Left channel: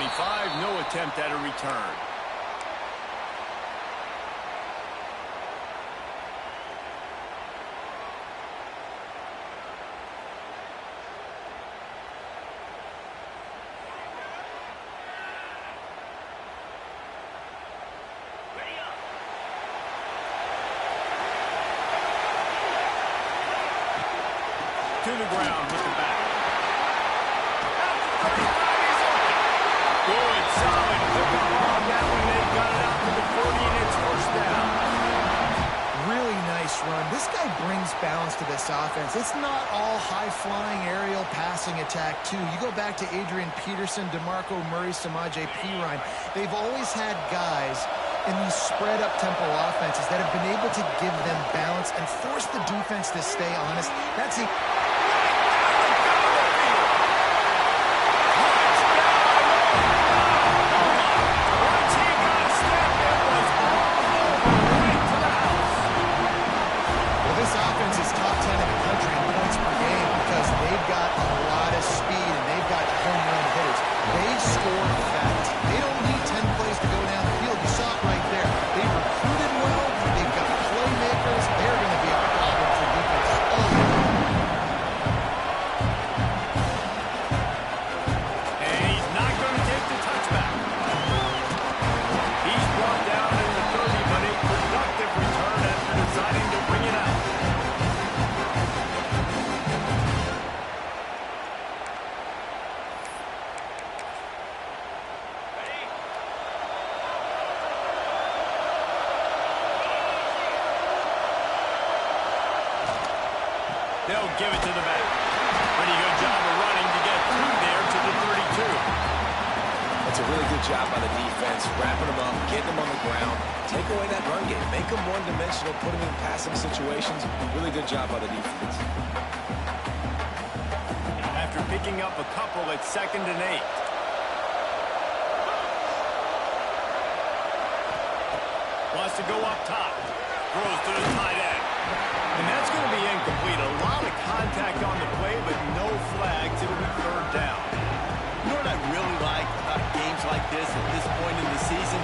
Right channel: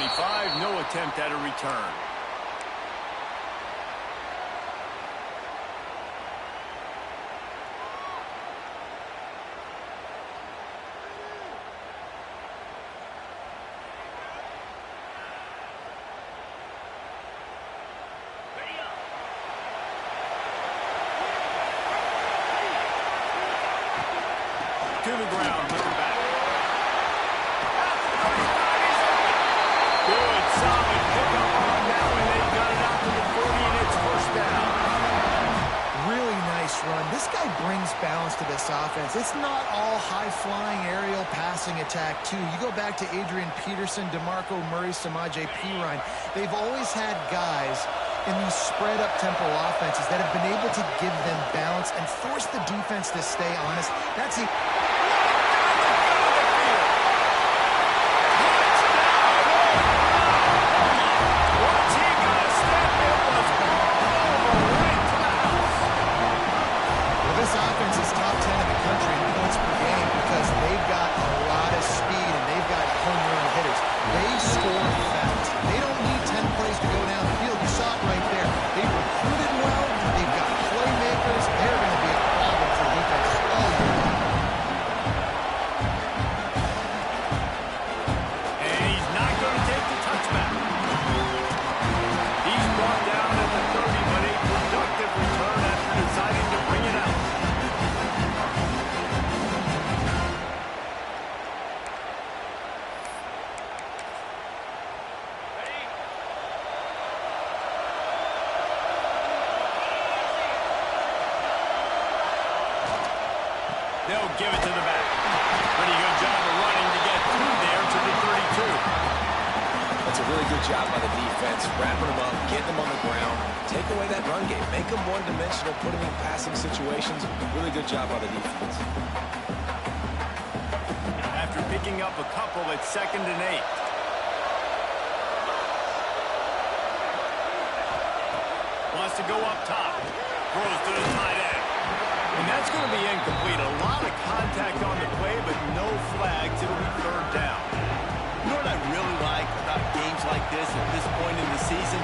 25, no attempt at a return. To the ground with the back. At the 35, he's open. Good, solid pickup on that one. They got it out to the 40, and it's first down. Really nice run. This guy brings balance to this offense. It's not all high-flying aerial passing attack, too. You go back to Adrian Peterson, DeMarco Murray, Samaje Perine. They've always had guys in these spread-up tempo offenses that have been able to give them balance and force the defense to stay honest. That's it. This offense is top 10 in the country in points per game because they've got a lot of speed and they've got home run hitters. They score fast. They don't need 10 plays to go down the field. You saw it right there. They've recruited well. They've got playmakers. They're going to be a problem for defenses all year long. And he's not going to take the touchback. He's brought down at the 30, but a productive return after deciding to bring it out. They'll give it to the back. Pretty good job of running to get through there to the 32. That's a really good job by the defense, wrapping them up, getting them on the ground. Take away that run game. Make them one-dimensional, put them in passing situations. Really good job by the defense. After picking up a couple at 2nd and 8. Wants to go up top. Throws to the tight end. And that's going to be incomplete. A lot of contact on the play, but no flags. It'll be 3rd down. You know what I really like about games like this at this point in the season?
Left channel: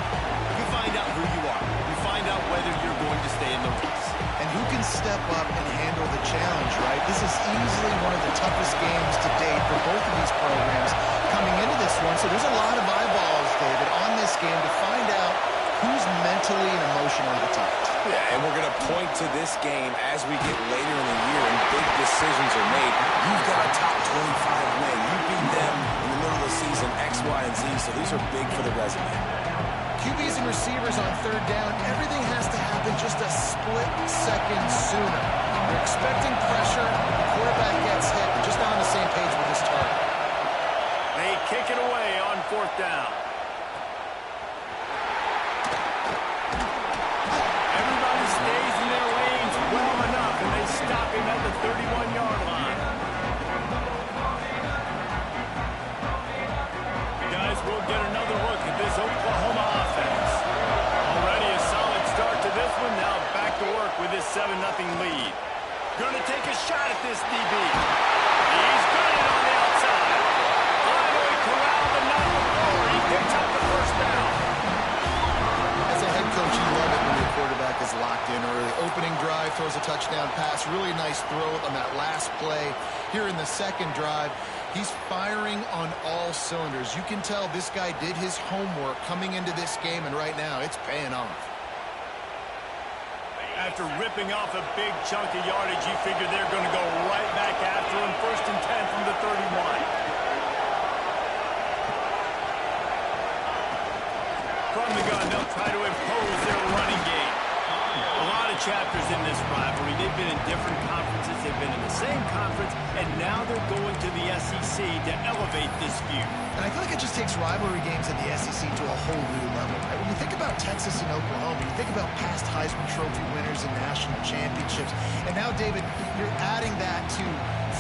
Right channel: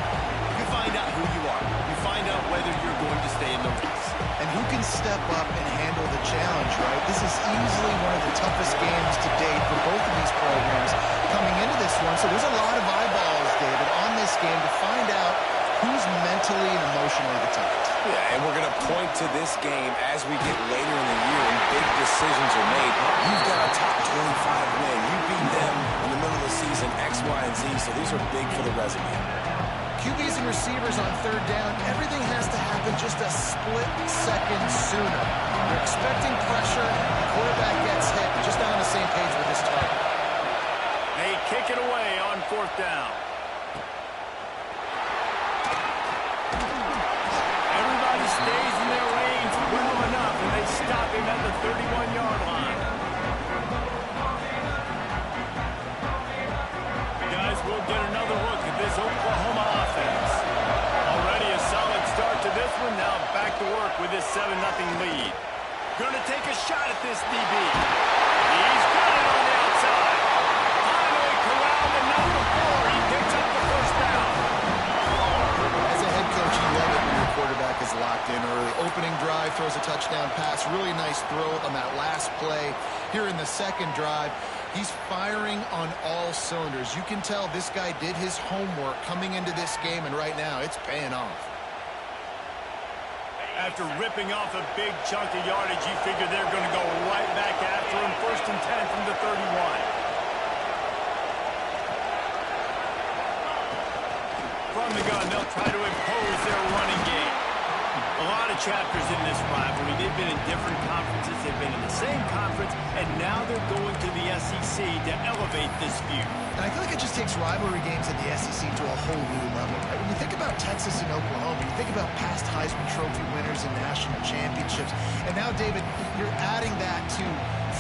You find out who you are. You find out whether you're going to stay in the race. And who can step up and handle the challenge, right? This is easily one of the toughest games to date for both of these programs coming into this one. So there's a lot of eyeballs, David, on this game to find out who's mentally and emotionally the toughest. Yeah, and we're going to point to this game as we get later in the year and big decisions are made. You've got a top 25 win. You beat them in the middle of the season, X, Y, and Z, so these are big for the resume. QBs and receivers on 3rd down, everything has to happen just a split second sooner. They're expecting pressure, the quarterback gets hit, just not on the same page with his target. They kick it away on 4th down. Everybody stays in their lanes well enough, and they stop him at the 31-yard line. Guys, we'll get another look at this Oklahoma offense. Already a solid start to this one. Now back to work with this 7-0 lead. Going to take a shot at this DB. He's got it on the outside. Finally corralled, but not before. He picks up the 1st down. As a head coach, you love it when your quarterback is locked in early. Opening drive, throws a touchdown pass. Really nice throw on that last play. Here in the 2nd drive, he's firing on all cylinders. You can tell this guy did his homework coming into this game, and right now it's paying off. After ripping off a big chunk of yardage, you figure they're going to go right back after him. 1st and 10 from the 31. From the gun, they'll try to impose their running game. A lot of chapters in this rivalry. They've been in different conferences. They've been in the same conference, and now they're going to the SEC to elevate this feud. And I feel like it just takes rivalry games in the SEC to a whole new level, right? When you think about Texas and Oklahoma, you think about past Heisman Trophy winners and national championships. And now, David, you're adding that to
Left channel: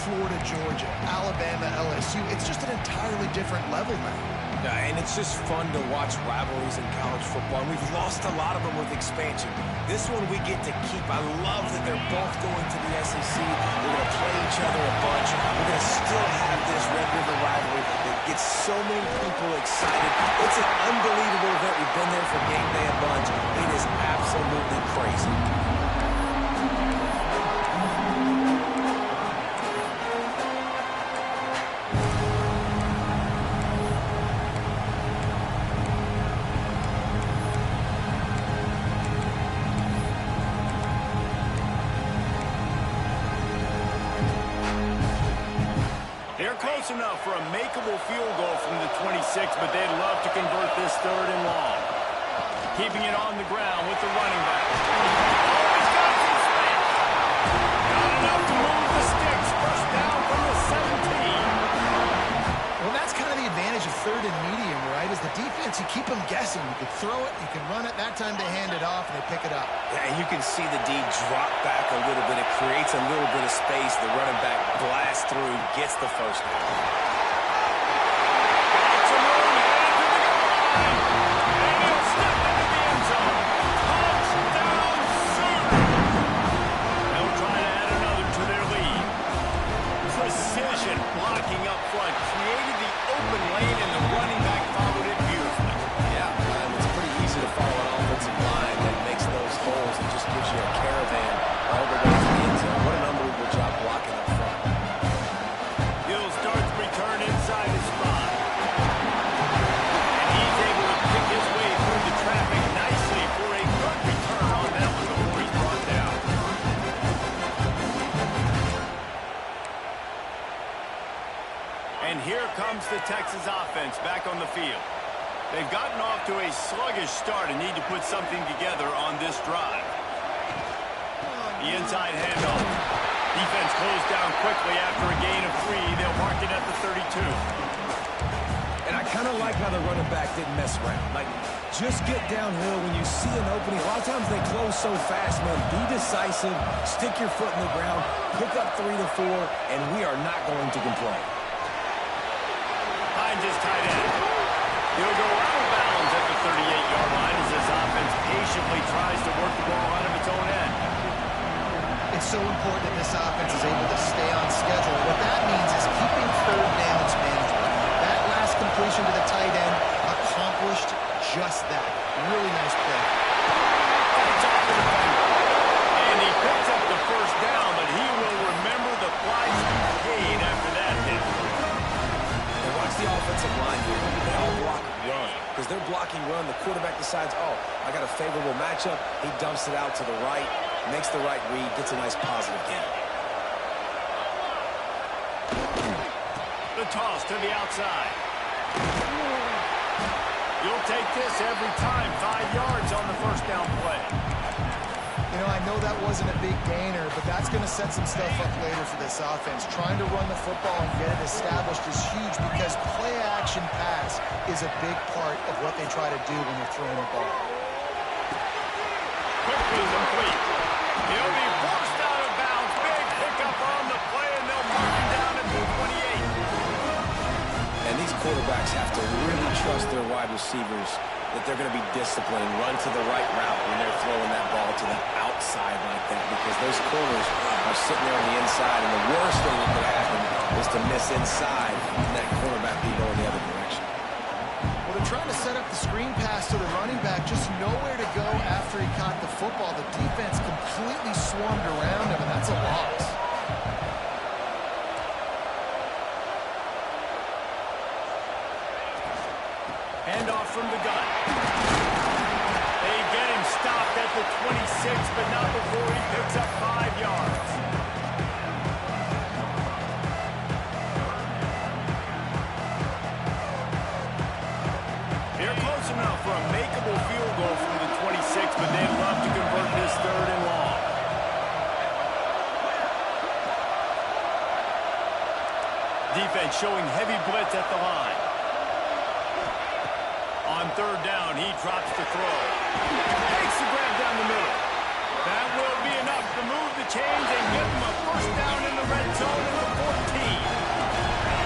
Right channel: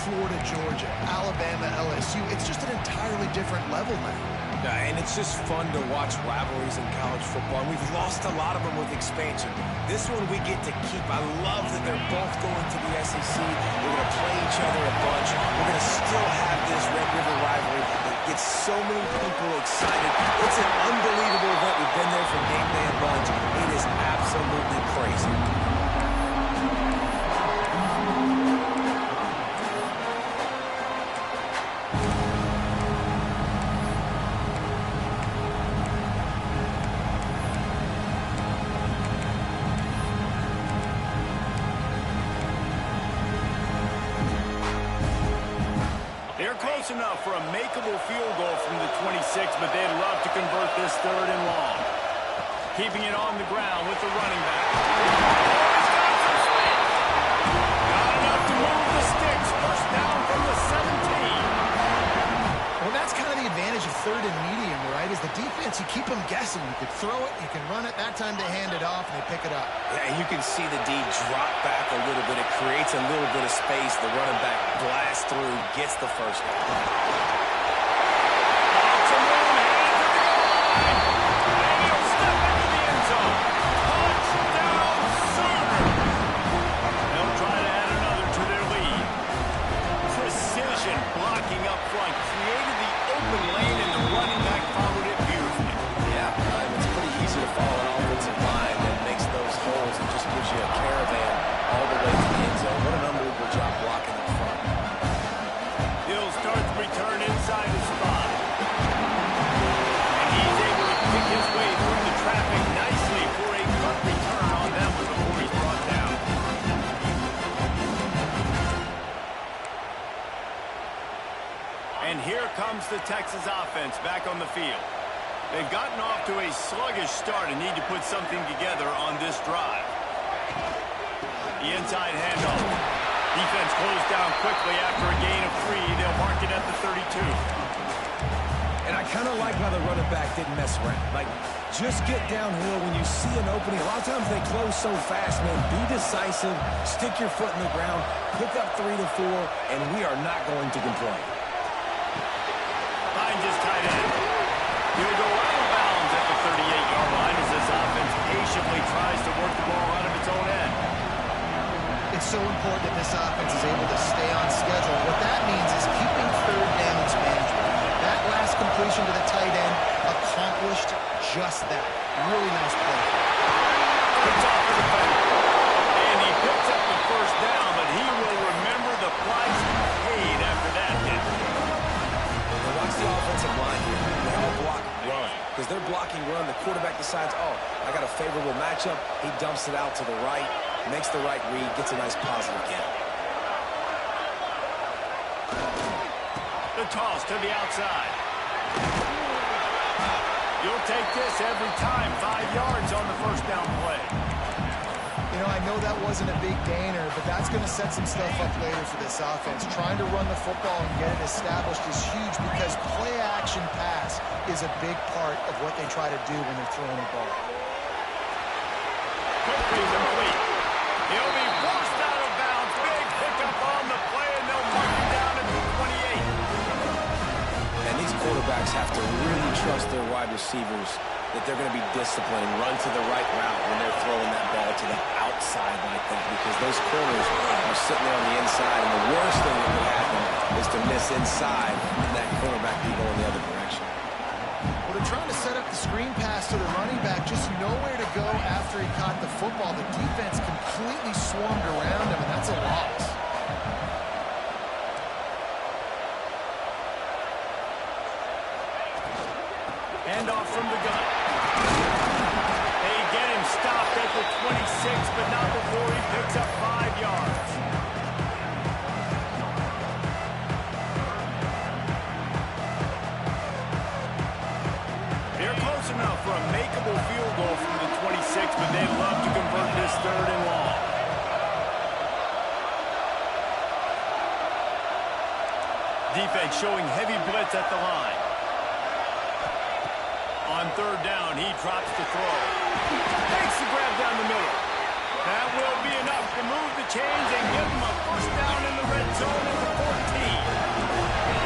Florida, Georgia, Alabama, LSU. It's just an entirely different level now. And it's just fun to watch rivalries in college football. And we've lost a lot of them with expansion. This one we get to keep. I love that they're both going to the SEC. They're going to play each other a bunch. We're going to still have this Red River rivalry that gets so many people excited. It's an unbelievable event. We've been there for game day a bunch. It is absolutely crazy. Close enough for a makeable field goal from the 26, but they'd love to convert this 3rd and long. Keeping it on the ground with the running back. Oh, he's got some space. Got enough to move the sticks. First down from the 17. Well, that's kind of the advantage of 3rd and medium, right? Is the defense, you keep them guessing. You could throw it, you can run it. That time they hand it off and they pick it up. Yeah, and you can see the D drop back a little bit. It creates a little bit of space. The running back blasts through, gets the first down. Got some room, headed to the goal line. And he'll step into the end zone. Touchdown, Sooners. They'll try to add another to their lead. Precision blocking up front created the open lane, and the running back followed it beautifully. Yeah, it's pretty easy to follow an offensive line that makes those holes and just gives you a caravan all the way to the end zone. What an unbelievable job blocking up front. He'll start the return inside his spot. And he's able to pick his way through the traffic nicely for a good return on that one before he's brought down. And here comes the Texas offense back on the field. They've gotten off to a sluggish start and need to put something together on this drive. The inside handoff. Defense closed down quickly after a gain of 3. They'll mark it at the 32. And I kind of like how the running back didn't mess around. Like, just get downhill when you see an opening. A lot of times they close so fast, man. Be decisive, stick your foot in the ground, pick up 3 to 4, and we are not going to complain. Finds his tight end. He'll go out of bounds at the 38-yard line as this offense patiently tries to work the ball out of its own end. It's so important that this offense is able to stay on schedule. What that means is keeping 3rd downs manageable. That last completion to the tight end accomplished just that. Really nice play. It's off the defender. And he picks up the first down, but he will remember the price he paid after that hit. And watch the offensive line here. They all block run. Because they're blocking run, the quarterback decides, oh, I got a favorable matchup. He dumps it out to the right, makes the right read, gets a nice positive gain. The toss to the outside. You'll take this every time. 5 yards on the first down play. You know, I know that wasn't a big gainer, but that's going to set some stuff up later for this offense. Trying to run the football and get it established is huge because play-action pass is a big part of what they try to do when they're throwing the ball. Quickly complete. He'll be forced out of bounds. Big pickup on the play, and they'll mark him down at the 28. And these quarterbacks have to really trust their wide receivers that they're going to be disciplined and run to the right route when they're throwing that ball to the outside like that, because those corners are sitting there on the inside, and the worst thing that could happen is to miss inside and that cornerback be going the other direction. Well, they're trying to set up the screen pass to the running back, just nowhere to go after he caught the football. The defense completely swarmed around him, and that's a loss. Handoff from the gun. They get him stopped at the 26, but not before he picks up 5 yards. They're close enough for a makeable field goal from the 26, but they'd love to convert this 3rd and long. Defense showing heavy blitz at the line. On 3rd down, he drops to throw. Takes the grab down the middle. That will be enough to move the chains and give them a first down in the red zone at the 14.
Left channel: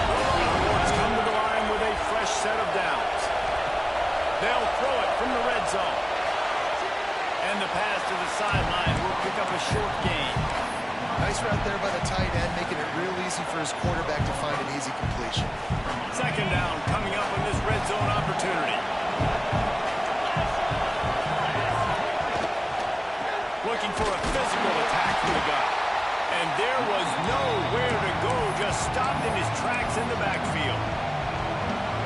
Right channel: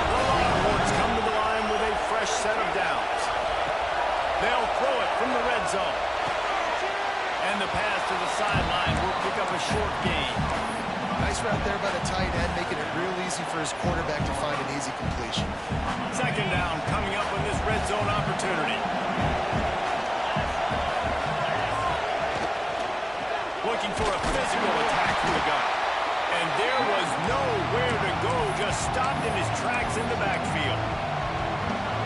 The Longhorns come to the line with a fresh set of downs. They'll throw it from the red zone. And the pass to the sideline will pick up a short gain. Nice route there by the tight end, making it real easy for his quarterback to find an easy completion. Second down coming up on this red zone opportunity. Looking for a physical attack from the gun. And there was nowhere to go, just stopped in his tracks in the backfield.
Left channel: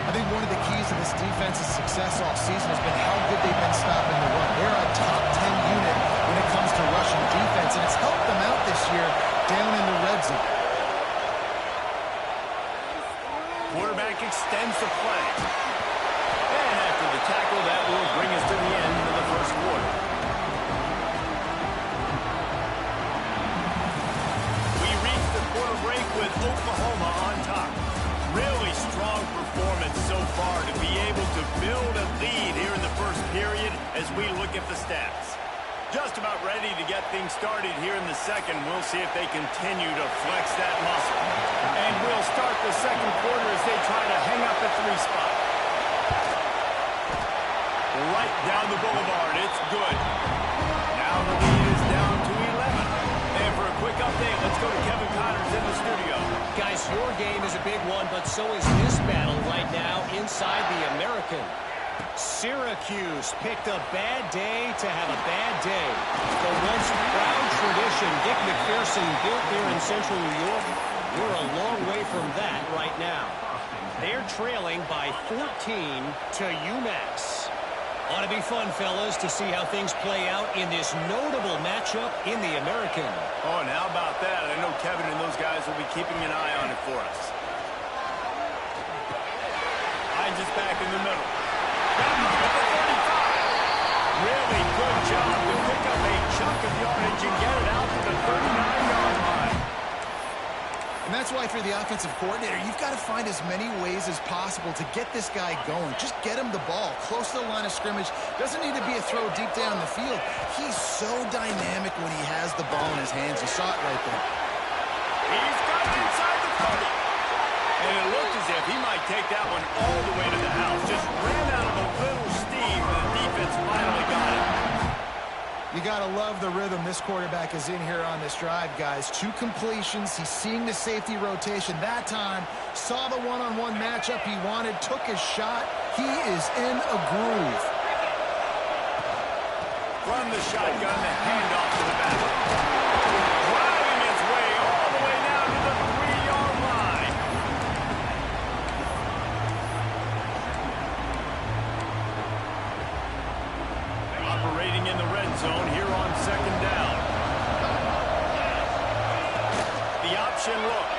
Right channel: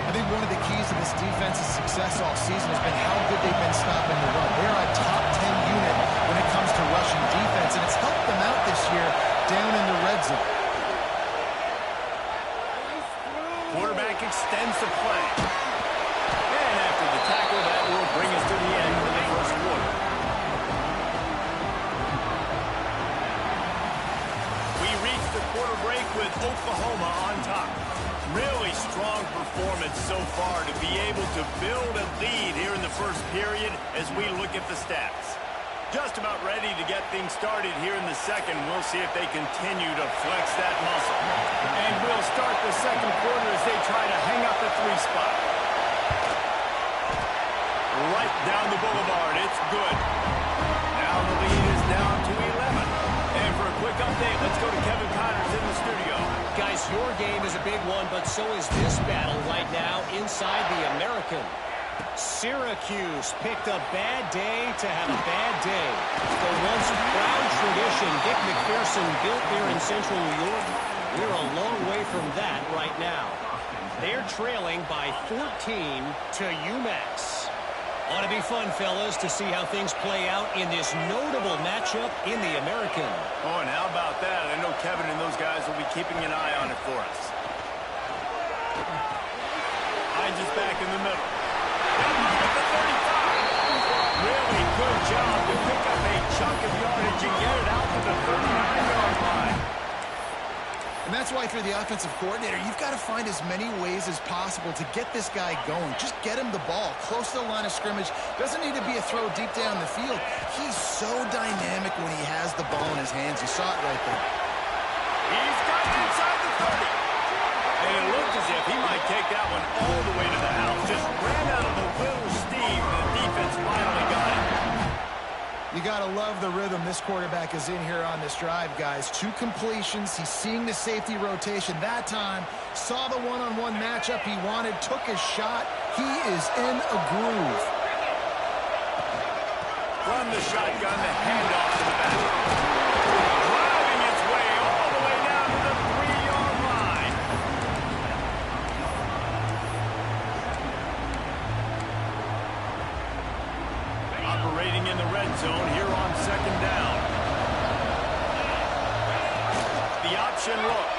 I think one of the keys to this defense's success all season has been how good they've been stopping the run. They're a top 10 unit when it comes to rushing defense, and it's helped them out this year down in the red zone. Quarterback extends the play. And after the tackle, that will bring us to the end of the first quarter. We reach the quarter break with Oklahoma on top. Really strong performance so far to be able to build a lead here in the first period as we look at the stats. Just about ready to get things started here in the second. We'll see if they continue to flex that muscle. And we'll start the second quarter as they try to hang up a 3 spot. Right down the boulevard. It's good. Now the lead is down to 11. And for a quick update, let's go to Kevin Connors in the studio. Guys, your game is a big one, but so is this battle right now inside the American. Syracuse picked a bad day to have a bad day. The once proud tradition Dick McPherson built there in central New York, we're a long way from that right now. They're trailing by 14 to UMass. Ought to be fun, fellas, to see how things play out in this notable matchup in the American. Oh, and how about that? I know Kevin and those guys will be keeping an eye on it for us. Hines is back in the middle. Got him up at the 35. Really good job to pick up a chunk of yardage and get it out to the 39-yard line. And that's why if you're the offensive coordinator, you've got to find as many ways as possible to get this guy going. Just get him the ball close to the line of scrimmage. Doesn't need to be a throw deep down the field. He's so dynamic when he has the ball in his hands. You saw it right there. He's got it inside the 30. And it looked as if he might take that one all the way to the house. Just ran out of a little steam, and the defense finally got it. You got to love the rhythm this quarterback is in here on this drive, guys. 2 completions. He's seeing the safety rotation that time. Saw the one-on-one matchup he wanted. Took his shot. He is in a groove. From the shotgun, the handoff to the back. Driving his way all the way down to the 3-yard line. Operating in the red zone here on second down. The option look.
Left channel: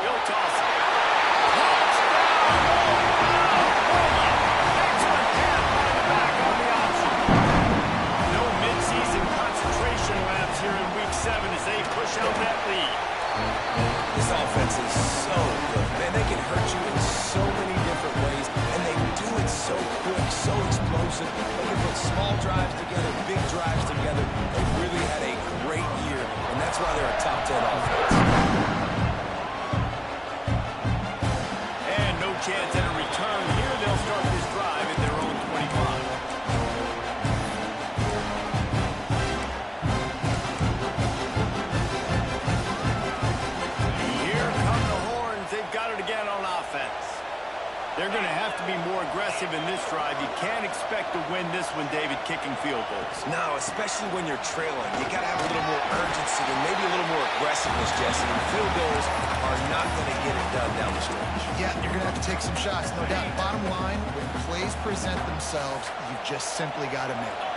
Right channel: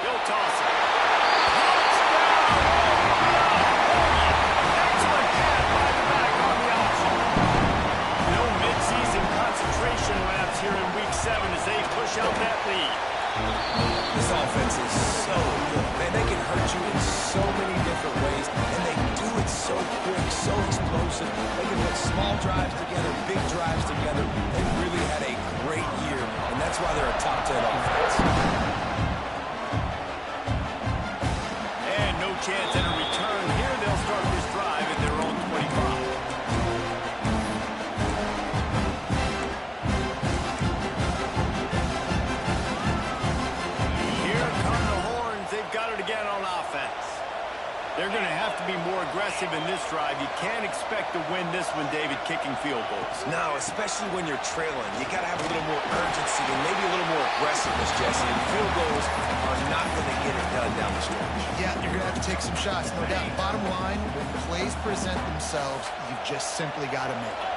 He'll toss it. Touchdown! Oklahoma! Excellent pass by the back on the option. No midseason concentration laps here in week 7 as they push out that lead. This offense is so good. Man, they can hurt you in so many different ways, and they do it so quick, so explosive. They can put small drives together, big drives together. They've really had a great year, and that's why they're a top 10 offense. And no chance at a return here. They'll start this drive at their own 25. Again on offense. They're going to have to be more aggressive in this drive. You can't expect to win this one, David, kicking field goals. No, especially when you're trailing. You got to have a little more urgency and maybe a little more aggressiveness, Jesse. And field goals are not going to get it done down the stretch. Yeah, you're going to have to take some shots, no doubt. Bottom line, when plays present themselves, you've just simply got to make it.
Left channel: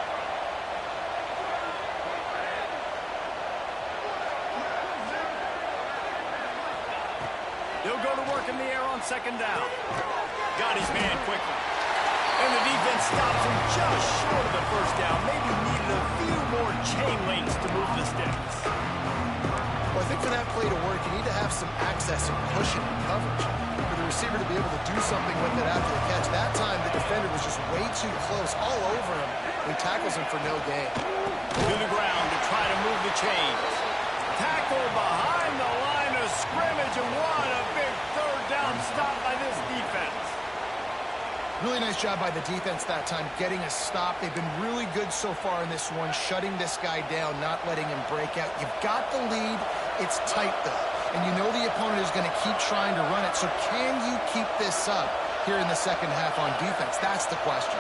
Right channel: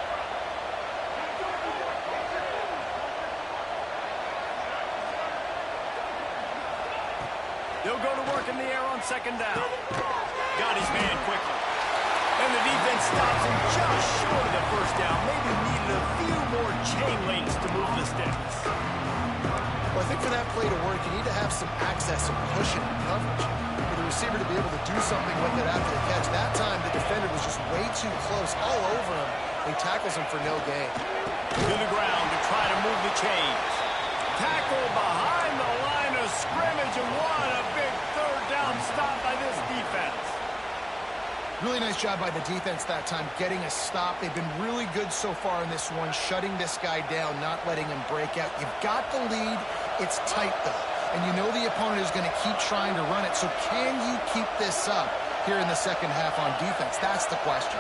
He'll go to work in the air on second down. Got his man quickly. And the defense stops him just short of the first down. Maybe needed a few more chain links to move the sticks. Well, I think for that play to work, you need to have some access and pushing and coverage. For the receiver to be able to do something with it after the catch. That time, the defender was just way too close, all over him. He tackles him for no gain. To the ground to try to move the chains. Tackle behind the line of scrimmage, and what a big third down stop by this defense. Really nice job by the defense that time, getting a stop. They've been really good so far in this one, shutting this guy down, not letting him break out. You've got the lead. It's tight, though. And you know the opponent is going to keep trying to run it. So can you keep this up here in the second half on defense? That's the question.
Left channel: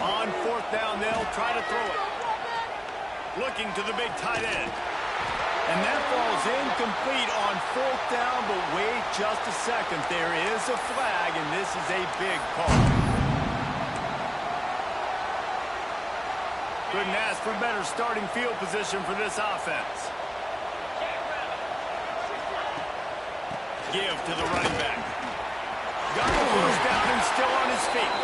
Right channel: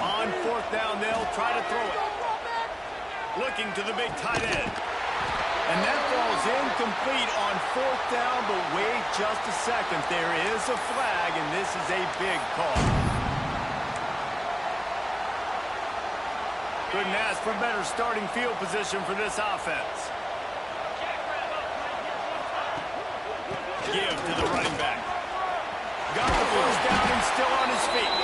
On fourth down, they'll try to throw it. Looking to the big tight end. And that falls incomplete on fourth down, but wait just a second. There is a flag, and this is a big call. Couldn't ask for better starting field position for this offense. Give to the running back. Got the first down and still on his feet.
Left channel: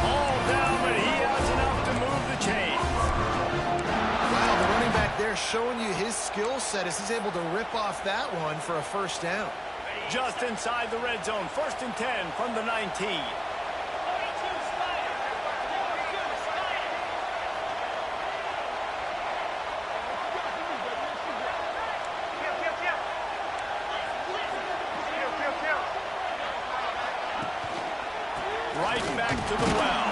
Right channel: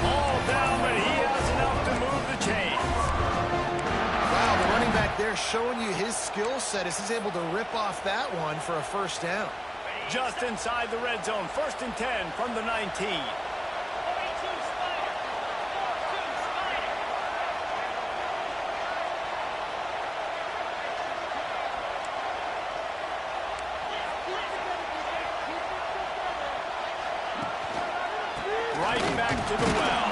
All down, but he has enough to move the chains. Wow, the running back there showing you his skill set as he's able to rip off that one for a first down. Just inside the red zone, 1st and 10 from the 19. Right back to the well.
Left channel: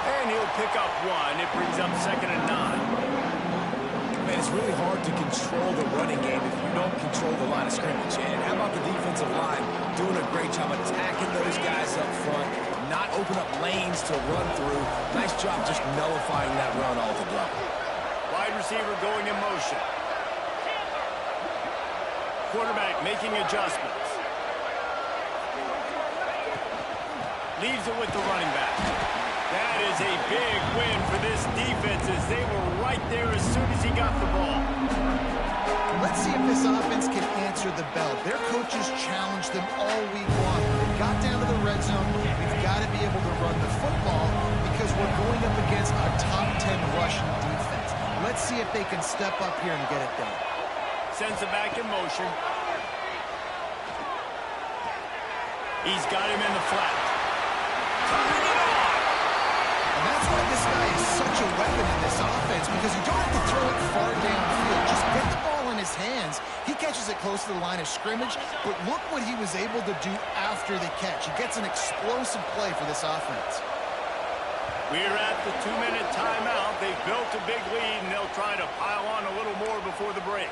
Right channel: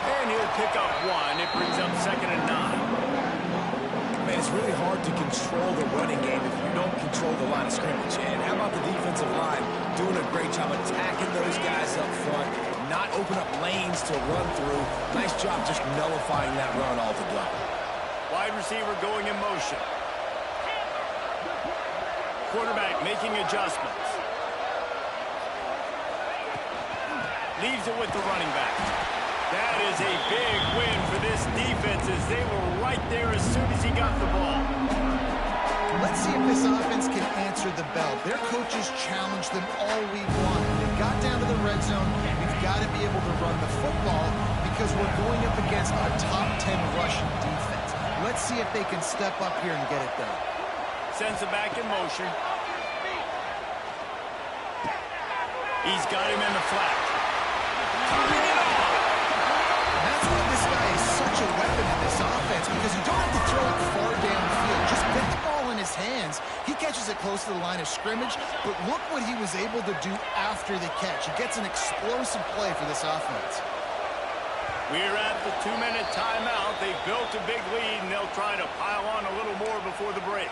And he'll pick up one. It brings up 2nd and 9. Man, it's really hard to control the running game if you don't control the line of scrimmage. And how about the defensive line doing a great job attacking those guys up front, not open up lanes to run through. Nice job just nullifying that run altogether. Wide receiver going in motion. Quarterback making adjustments. Leaves it with the running back. That is a big win for this defense as they were right there as soon as he got the ball. Let's see if this offense can answer the bell. Their coaches challenged them all week long. When they got down to the red zone, we've got to be able to run the football because we're going up against a top 10 rushing defense. Let's see if they can step up here and get it done. Sends it back in motion. He's got him in the flat. Turning it on. And that's why this guy is such a weapon in this offense, because you don't have to throw it far downfield. Just get the ball in his hands. He catches it close to the line of scrimmage, but look what he was able to do after the catch. He gets an explosive play for this offense. We're at the 2-minute timeout. They've built a big lead, and they'll try to pile on a little more before the break.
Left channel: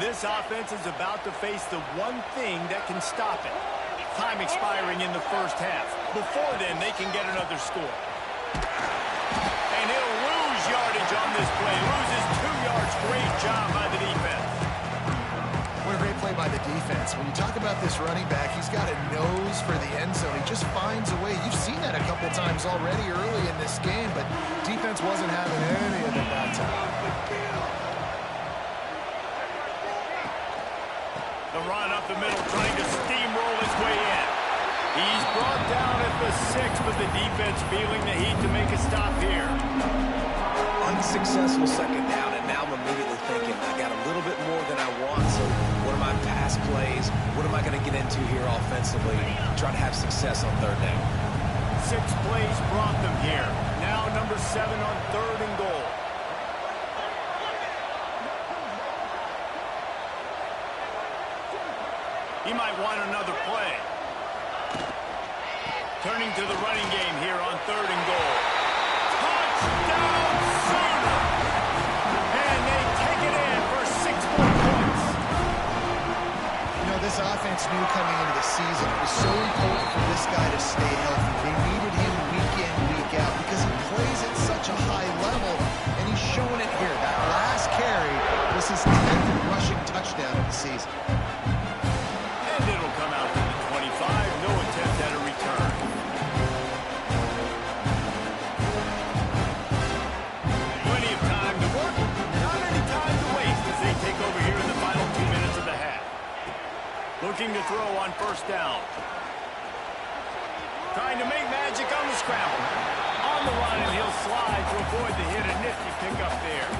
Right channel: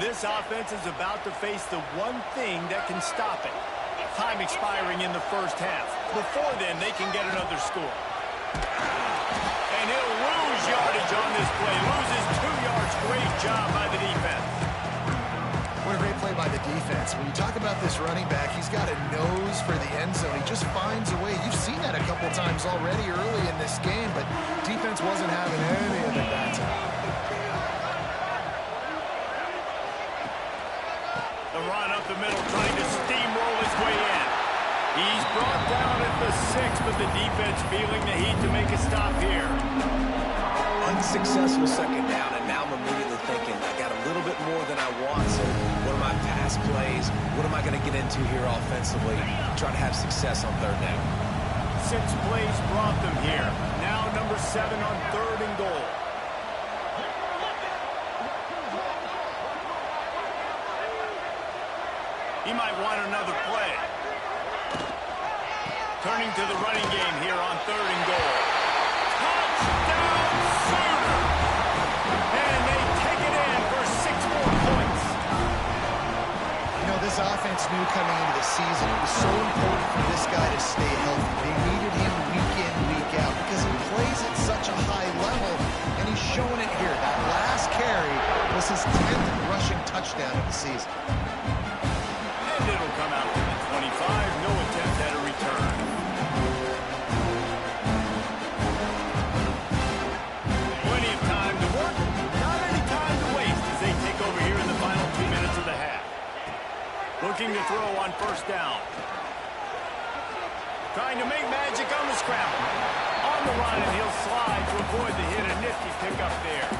This offense is about to face the one thing that can stop it. Time expiring in the first half. Before then, they can get another score. And he'll lose yardage on this play. Loses 2 yards. Great job by the defense. What a great play by the defense. When you talk about this running back, he's got a nose for the end zone. He just finds a way. You've seen that a couple times already early in this game, but defense wasn't having any of it that time. The run up the middle, trying to steamroll his way in. He's brought down at the 6, but the defense feeling the heat to make a stop here. Unsuccessful second down, and now I'm immediately thinking, I got a little bit more than I want, so what are my pass plays? What am I going to get into here offensively? Try to have success on 3rd down. 6 plays brought them here. Now number 7 on 3rd and goal. He might want another play. Turning to the running game here on 3rd and goal. Touchdown Sooner! And they take it in for 6 more points. You know, this offense knew coming into the season it was so important for this guy to stay healthy. They needed him week in, week out because he plays at such a high level, and he's showing it here. That last carry was his 10th rushing touchdown of the season. And it'll come out to the 25. No attempt at a return. Plenty of time to work. Not any time to waste as they take over here in the final 2 minutes of the half. Looking to throw on 1st down. Trying to make magic on the scramble. On the run, and he'll slide to avoid the hit. A nifty pickup there.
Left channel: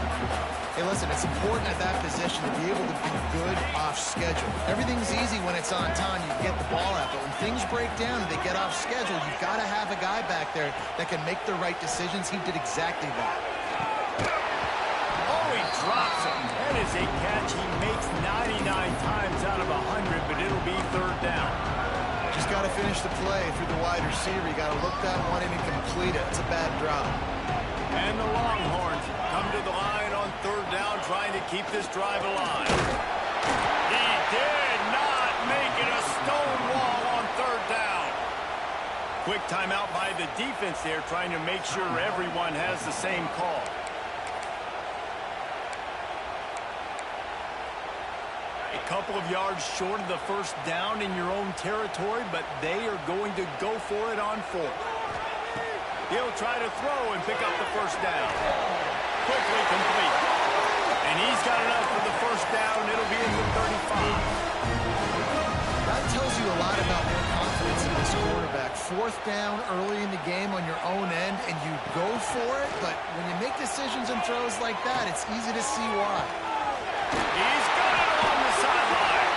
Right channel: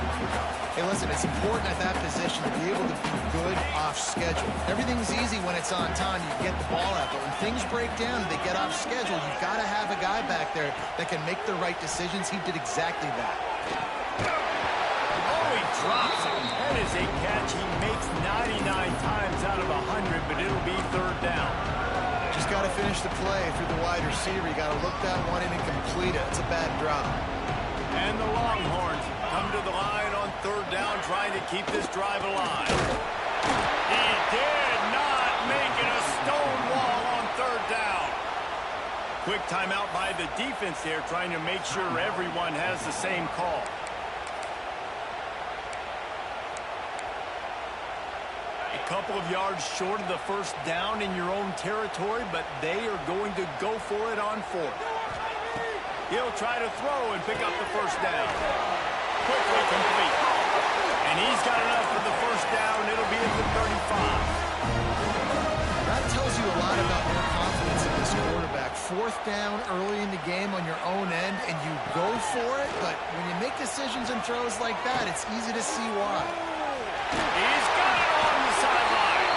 Hey, listen, it's important at that position to be able to be good off schedule. Everything's easy when it's on time. You get the ball out. But when things break down and they get off schedule, you've got to have a guy back there that can make the right decisions. He did exactly that. drops it. That is a catch he makes 99 times out of 100, but it'll be third down. Just got to finish the play through the wide receiver. You got to look that one in and complete it. It's a bad drop. And the Longhorns come to the line on third down, trying to keep this drive alive. He did not make it a stone wall on third down. Quick timeout by the defense there, trying to make sure everyone has the same call. A couple of yards short of the first down in your own territory, but they are going to go for it on fourth. He'll try to throw and pick up the first down. Quickly complete. And he's got enough for the first down. It'll be at the 35. That tells you a lot about their confidence in this quarterback. Fourth down early in the game on your own end, and you go for it, but when you make decisions and throws like that, it's easy to see why. He's got it along the sideline.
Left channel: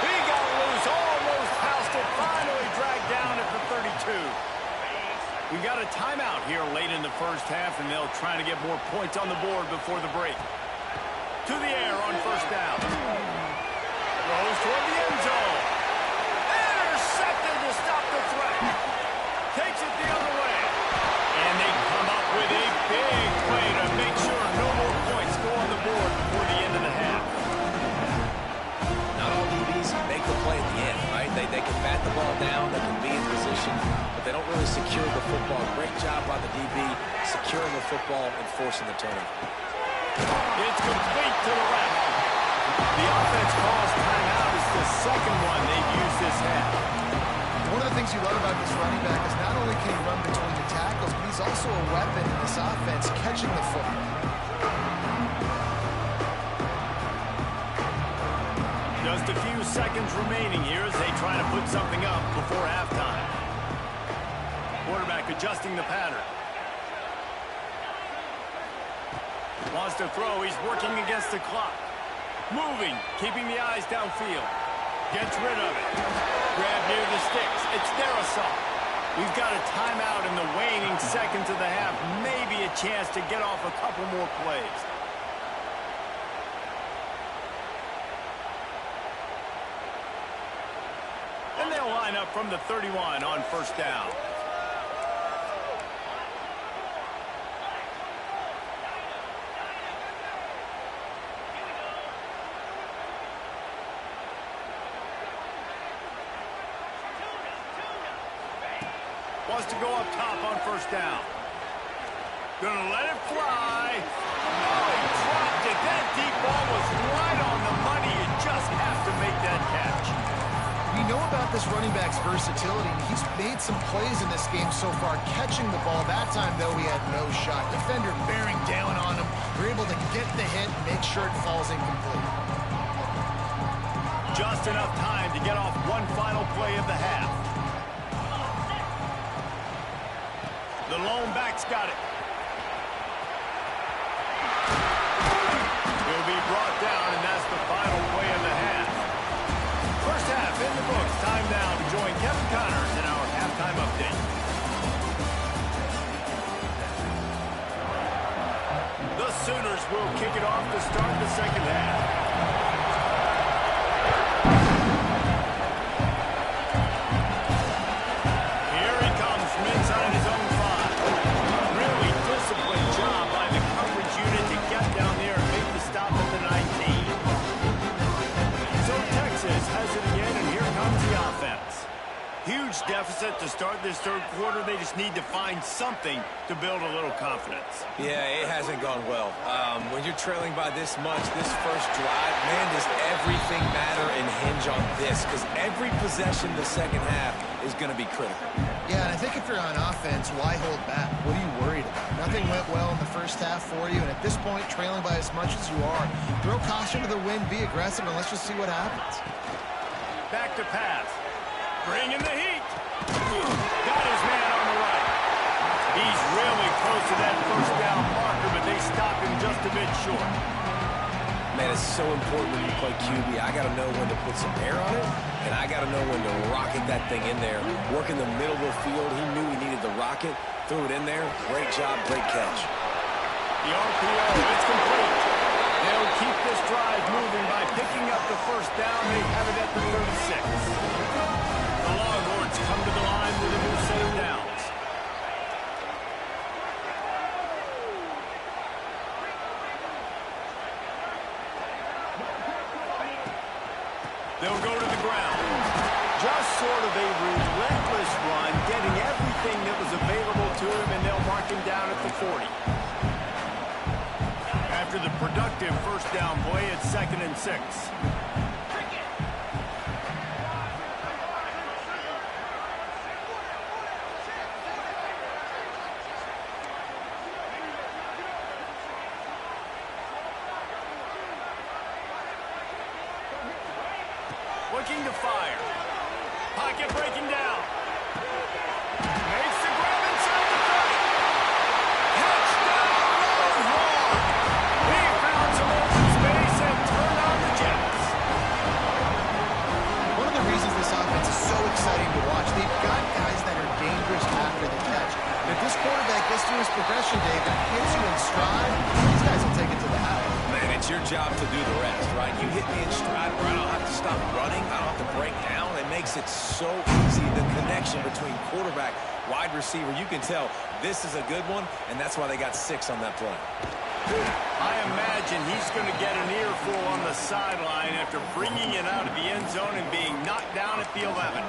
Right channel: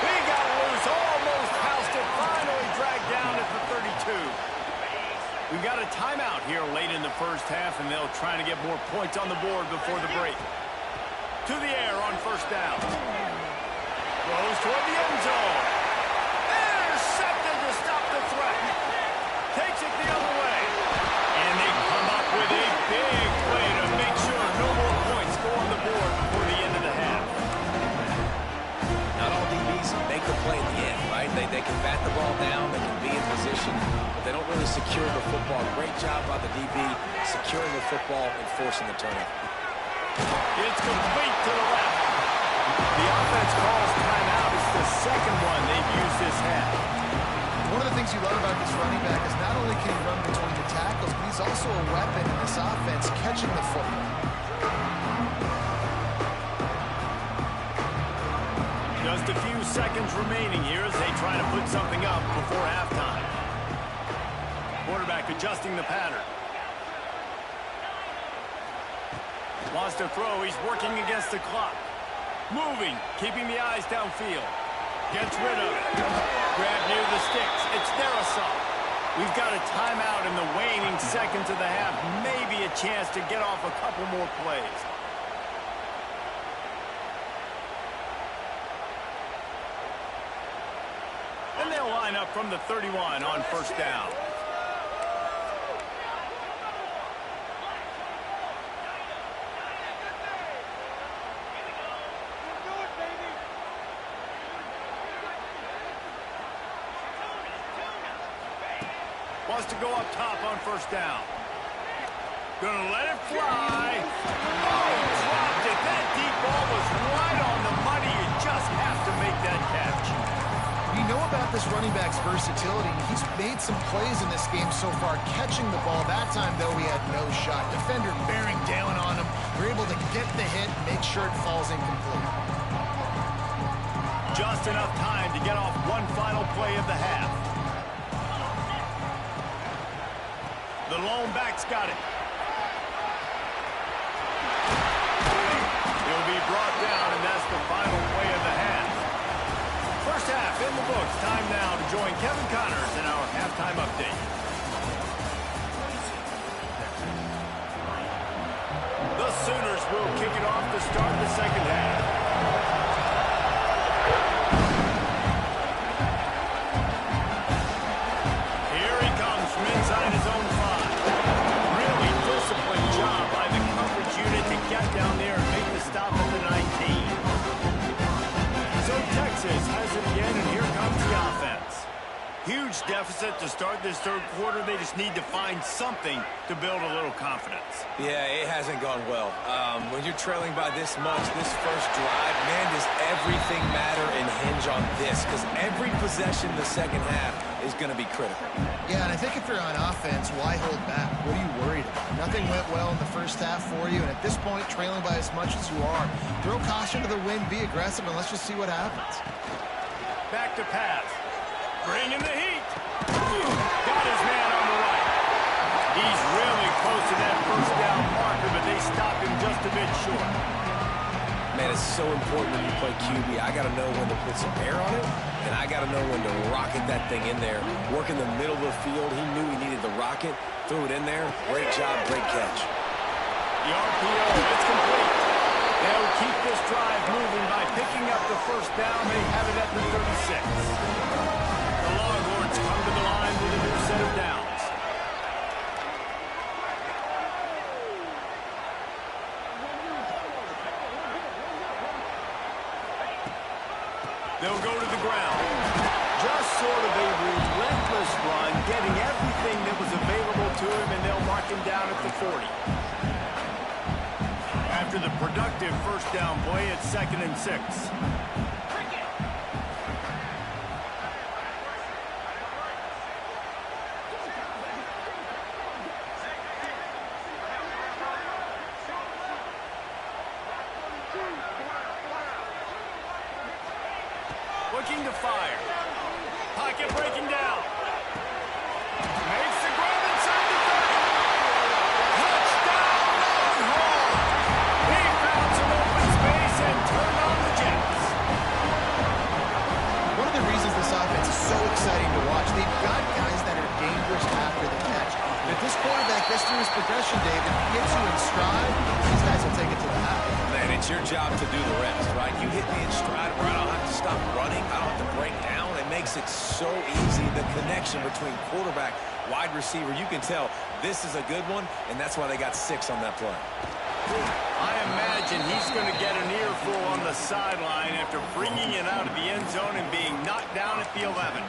He got loose, almost housed it, finally dragged down at the 32. We've got a timeout here late in the first half, and they'll try to get more points on the board before the break. To the air on first down. Throws toward the end zone. Intercepted to stop the threat. Takes it the other way. And they come up with a big play to make sure no more points go on the board before the end of the half. Not all DBs make the play at the end, right? They can bat the ball down, they can be in position, but they don't really secure the football. Great job by the DB securing the football and forcing the turnover. It's complete to the left. The offense calls timeout. It's the second one they've used this half. One of the things you love about this running back is not only can he run between the tackles, but he's also a weapon in this offense catching the football. Just a few seconds remaining here as they try to put something up before halftime. Quarterback adjusting the pattern. Wants to throw. He's working against the clock. Moving, keeping the eyes downfield. Gets rid of it. Grab near the sticks. It's Darrisaw. We've got a timeout in the waning seconds of the half. Maybe a chance to get off a couple more plays. And they'll line up from the 31 on first down. Wants to go up top on first down. Gonna let it fly. Oh, he dropped it. That deep ball was right on the money. You just have to make that catch. You know about this running back's versatility. He's made some plays in this game so far, catching the ball. That time, though, he had no shot. Defender bearing down on him. We're able to get the hit and make sure it falls incomplete. Just enough time to get off one final play of the half. The lone back's got it. He'll be brought down, and that's the final play of the half. First half in the books. Time now to join Kevin Connors in our halftime update. The Sooners will kick it off to start the second half. Here he comes from inside his own 5. Really disciplined job by the coverage unit to get down there and make the stop at the 19. So Texas has it again, and here comes the offense. Huge deficit to start this third quarter. They just need to find something to build a little confidence. Yeah, it hasn't gone well. When you're trailing by this much, this first drive, man, does everything matter and hinge on this? Because every possession in the second half is going to be critical. Yeah, and I think if you're on offense, why hold back? What are you worried about? Nothing went well in the first half for you, and at this point, trailing by as much as you are, throw caution to the wind, be aggressive, and let's just see what happens. Back to pass. Bringing the heat. Got his man on the right. He's really close to that first down marker, but they stopped him just a bit short. Man, it's so important when you play QB. I got to know when to put some air on it, and I got to know when to rocket that thing in there. Work in the middle of the field. He knew he needed the rocket. Threw it in there. Great job, great catch. The RPO, it's complete. They'll keep this drive moving by picking up the first down. They have it at the 36. The Longhorns come to the line with a new set of downs. They'll go to the ground. Just sort of a relentless run, getting everything that was available to him, and they'll mark him down at the 40. After the productive first down play, it's 2nd and 6. Looking to fire. Pocket breaking down. Makes the grab inside the 30. Touchdown, Longhorn! He found some open space and turned on the Jets. One of the reasons this offense is so exciting to watch, they've got guys that are dangerous after the catch. And if this quarterback gets through his progression, David, hits you in stride, these guys will take it to the house. Man, it's your job to do the rest, right? You hit me in stride where I don't have to stop running. I don't have to break down. It makes it so easy, the connection between quarterback, wide receiver. You can tell this is a good one, and that's why they got 6 on that play. I imagine he's going to get an earful on the sideline after bringing it out of the end zone and being knocked down at the 11.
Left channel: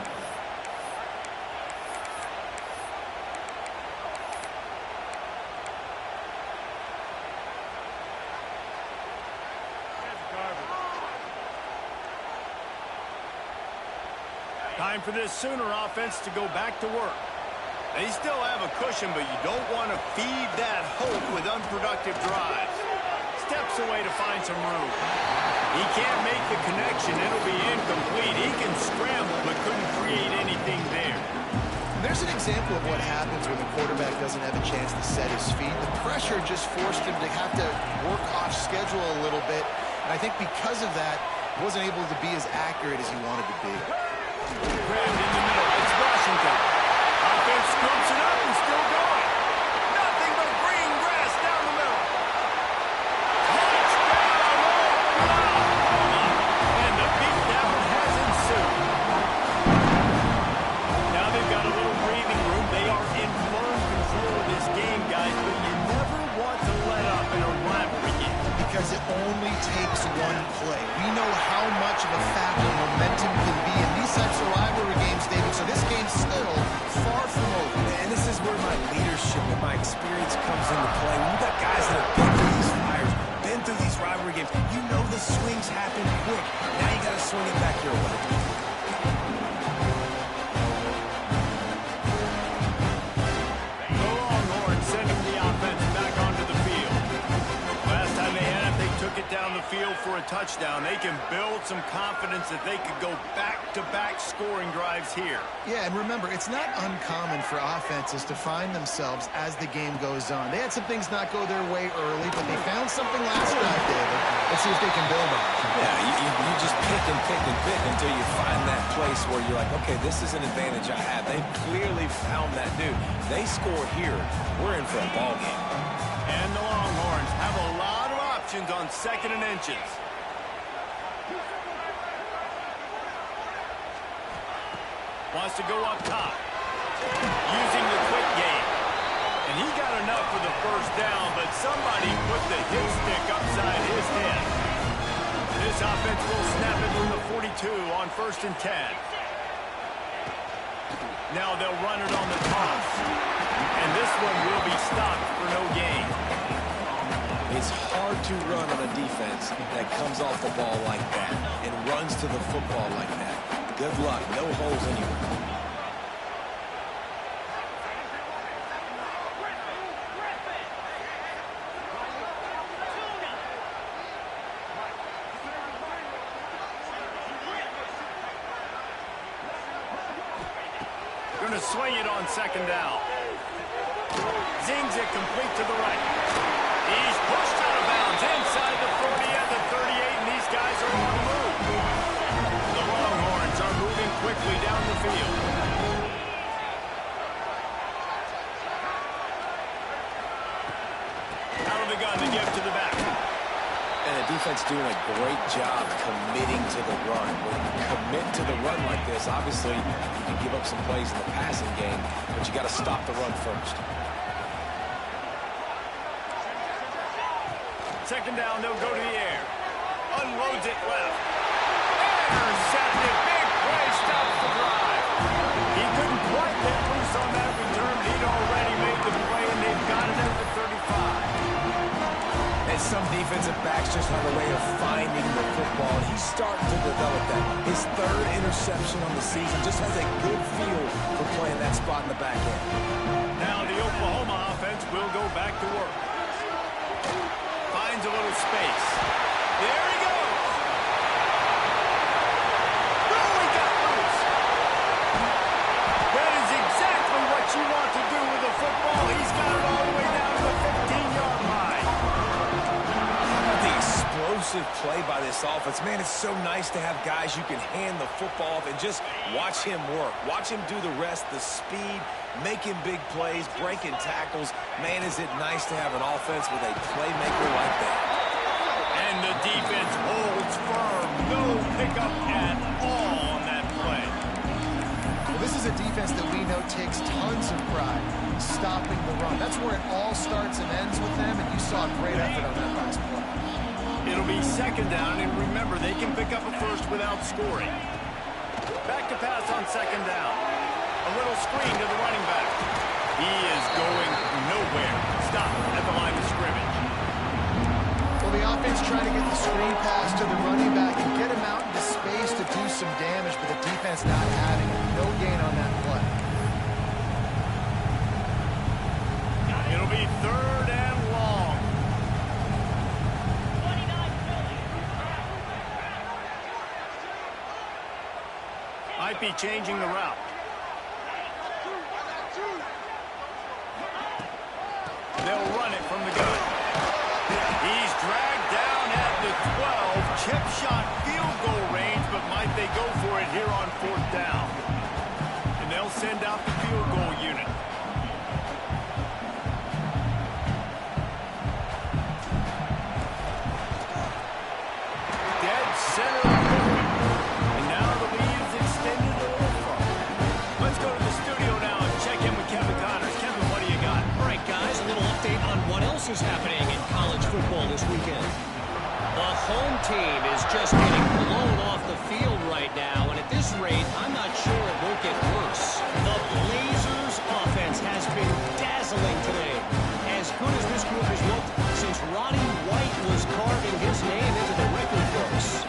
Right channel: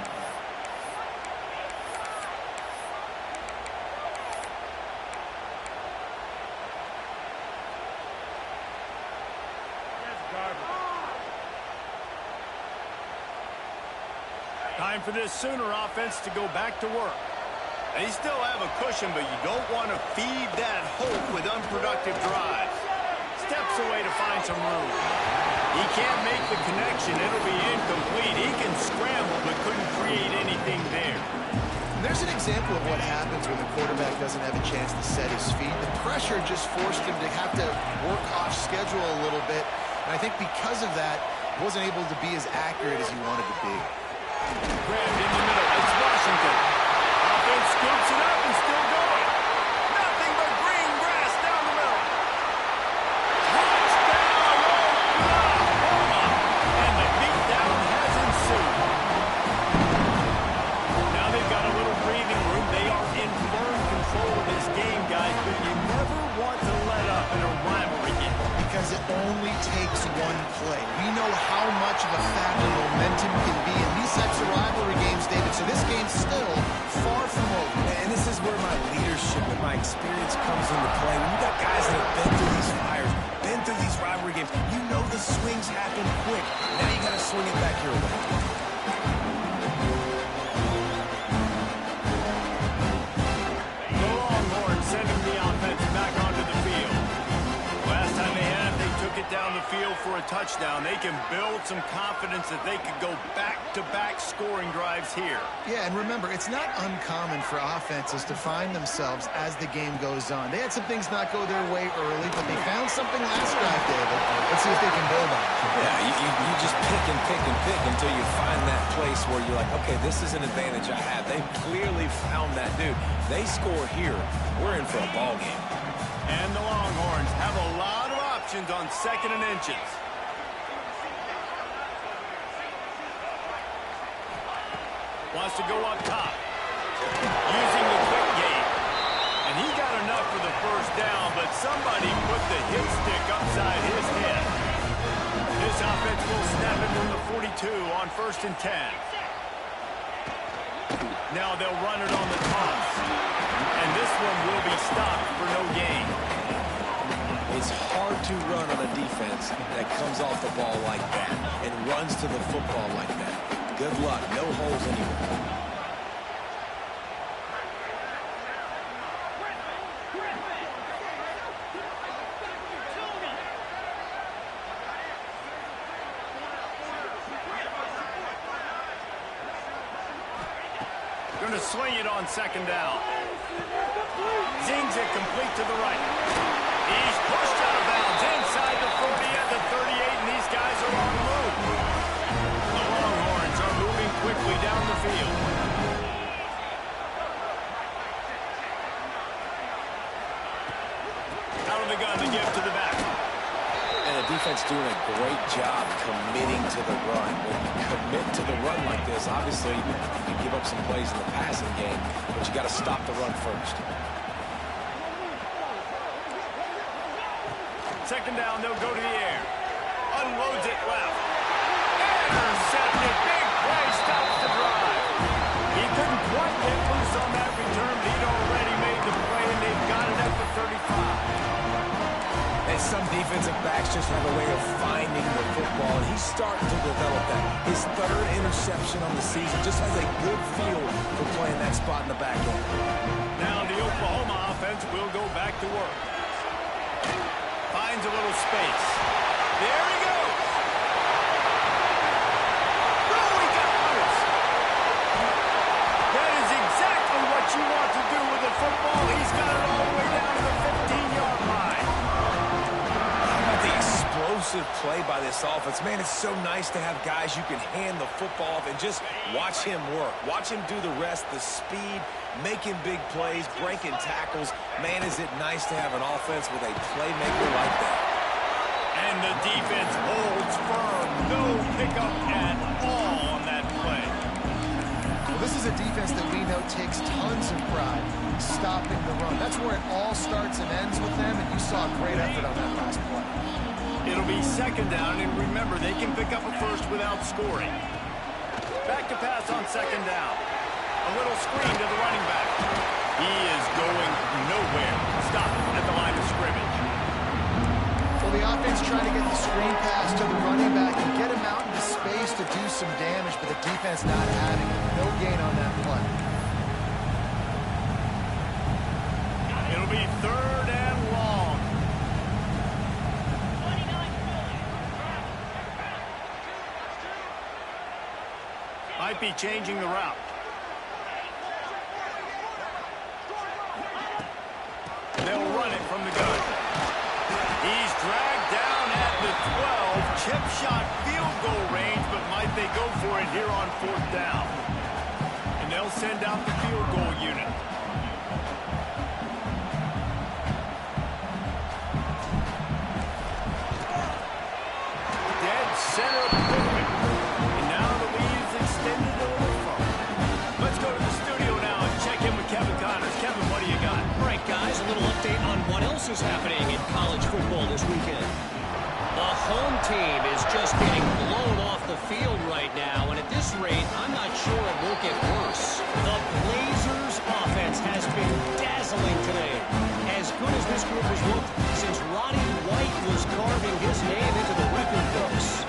Time for this Sooner offense to go back to work. They still have a cushion, but you don't want to feed that hope with unproductive drives. Steps away to find some room. He can't make the connection. It'll be incomplete. He can scramble, but couldn't create anything there. There's an example of what happens when the quarterback doesn't have a chance to set his feet. The pressure just forced him to have to work off schedule a little bit. And I think because of that, he wasn't able to be as accurate as he wanted to be. Grabbed in the middle. It's Washington. Offense scoops it up and still going. Nothing but green grass down the middle. Touchdown, Oklahoma! And the beatdown has ensued. Now they've got a little breathing room. They are in firm control of this game, guys, but you never want to let up in a rivalry game. Because it only takes one play. We know how much of a factor momentum can be in these types of rivalry games, David, so this game's still far from over. And this is where my leadership and my experience comes into play. When you got guys that have been through these fires, been through these rivalry games, you know the swings happen quick. Now you got to swing it back your way. The Longhorns sending the offense back onto the field. Last time they had it, they took it down the field for a touchdown. They can build some confidence that they could go back-to-back scoring drives here. Yeah, and remember, it's not uncommon for offenses to find themselves as the game goes on. They had some things not go their way early, but they found something last drive, David. Let's see if they can build on it. Yeah, you just pick and pick and pick until you find that place where you're like, okay, this is an advantage I have. They've clearly found that, dude. They score here, we're in for a ball game. And the Longhorns have a lot of options on 2nd and inches. Wants to go up top. Using the quick game. And he got enough for the first down, but somebody put the hit stick upside his head. This offense will snap it from the 42 on 1st and 10. Now they'll run it on the toss. And this one will be stopped for no gain. It's hard to run on a defense that comes off the ball like that and runs to the football like that. Good luck. No holes anywhere. Going to swing it on 2nd down. Zings it complete to the right. He's pushed out of bounds inside the 40 at the 38, and these guys are on the move. The Longhorns are moving quickly down the field. Out of the gun to give to the back. And the defense doing a great job committing to the run. When you commit to the run like this, obviously you can give up some plays in the passing game, but you got to stop the run first. Second down, they'll go to the air. Unloads it left. Intercepted. Big play, stops the drive. He couldn't quite get loose on that return, but he'd already made the play, and they've got it at the 35. And some defensive backs just have a way of finding the football, and he's starting to develop that. His third interception on the season just has a good feel for playing that spot in the back end. Now the Oklahoma offense will go back to work. Finds a little space. There he goes. Oh, he got loose. That is exactly what you want to do with the football. He's got it all the way down to the 15-yard line. The explosive play by this offense. Man, it's so nice to have guys you can hand the football off and just watch him work. Watch him do the rest, the speed, making big plays, breaking tackles. Man, is it nice to have an offense with a playmaker like that. And the defense holds firm. No pickup at all on that play. Well, this is a defense that we know takes tons of pride stopping the run. That's where it all starts and ends with them, and you saw a great effort on that last play. It'll be second down, and remember, they can pick up a first without scoring. Back to pass on second down. A little screen to the running back. He is going nowhere. Stop at the line of scrimmage. Well, the offense trying to get the screen pass to the running back and get him out into space to do some damage, but the defense not having it. No gain on that play. It'll be third and long. Might be changing the route. They'll run it from the gun. He's dragged down at the 12. Chip shot field goal range, but might they go for it here on fourth down? And they'll send out the field goal unit. Dead center movement. And now the lead is extended a little further. Let's go to the studio now and check in with Kevin Connors. Kevin, what do you got? All right, guys, a little update on what else is happening in college football this weekend. The home team is just getting blown off the field right now, and at this rate, I'm not sure it won't get worse. The Blazers' offense has been dazzling today. As good as this group has looked since Roddy White was carving his name into the record books.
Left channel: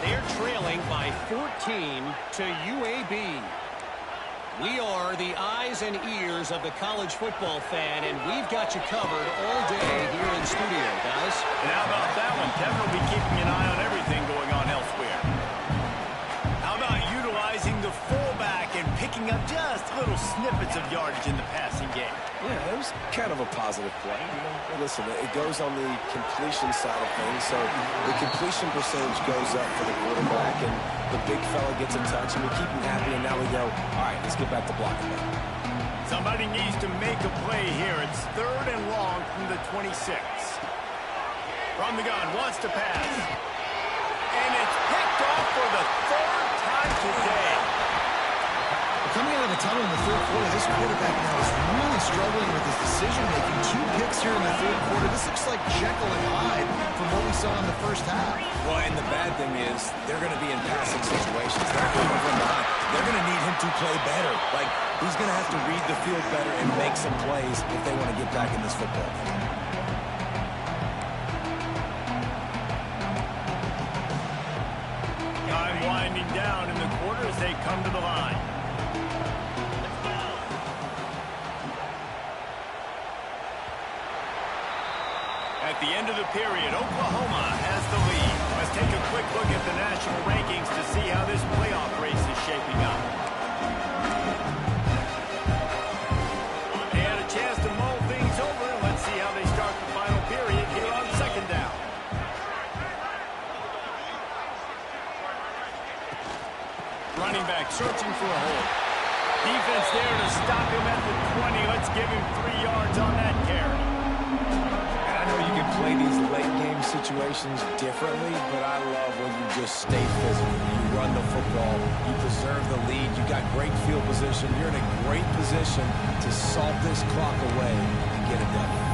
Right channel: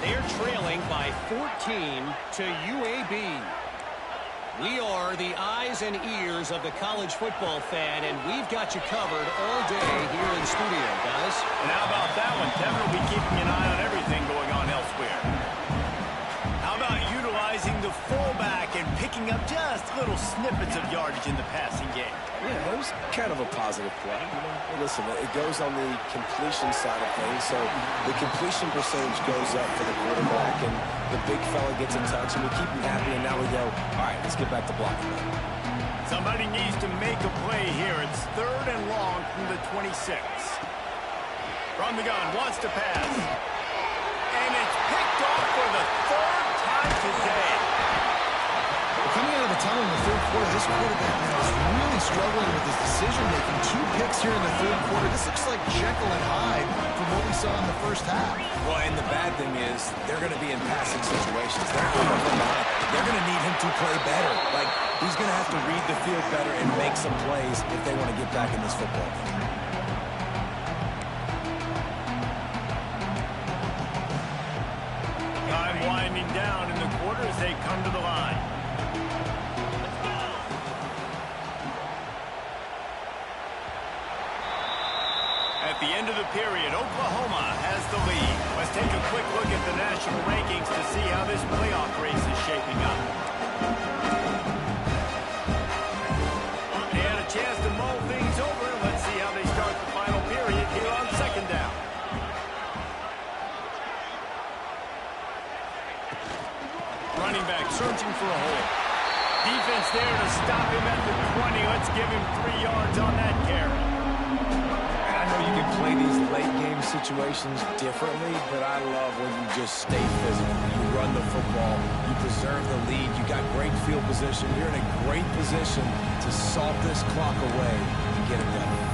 They're trailing by 14 to UAB. We are the eyes and ears of the college football fan, and we've got you covered all day here in studio, guys. And how about that one? Kevin will be keeping an eye on everything going on elsewhere. How about utilizing the fullback and picking up just little snippets of yardage in the passing game? Yeah, it was kind of a positive play. You know, hey, listen, it goes on the completion side of things, so the completion percentage goes up for the quarterback, and the big fella gets a touch, and we keep him happy, and now we go, all right, let's get back to blocking them. Somebody needs to make a play here. It's third and long from the 26. From the gun, wants to pass. And it's picked off for the third time today. Coming out of the tunnel in the third quarter, this quarterback now is really struggling with his decision-making. 2 picks here in the third quarter. This looks like Jekyll and Hyde from what we saw in the first half. Well, and the bad thing is they're going to be in passing situations. They're coming from behind. They're going to need him to play better. Like, he's going to have to read the field better and make some plays if they want to get back in this football game. Time winding down in the quarter as they come to the line. At the end of the period, Oklahoma has the lead. Let's take a quick look at the national rankings to see how this playoff race is shaping up. They had a chance to mull things over, and let's see how they start the final period here on second down. Running back searching for a hole. Defense there to stop him at the 20. Let's give him 3 yards on that carry. You can play these late-game situations differently, but I love when you just stay physical. You run the football, you preserve the lead, you got great field position. You're in a great position to salt this clock away and get it done.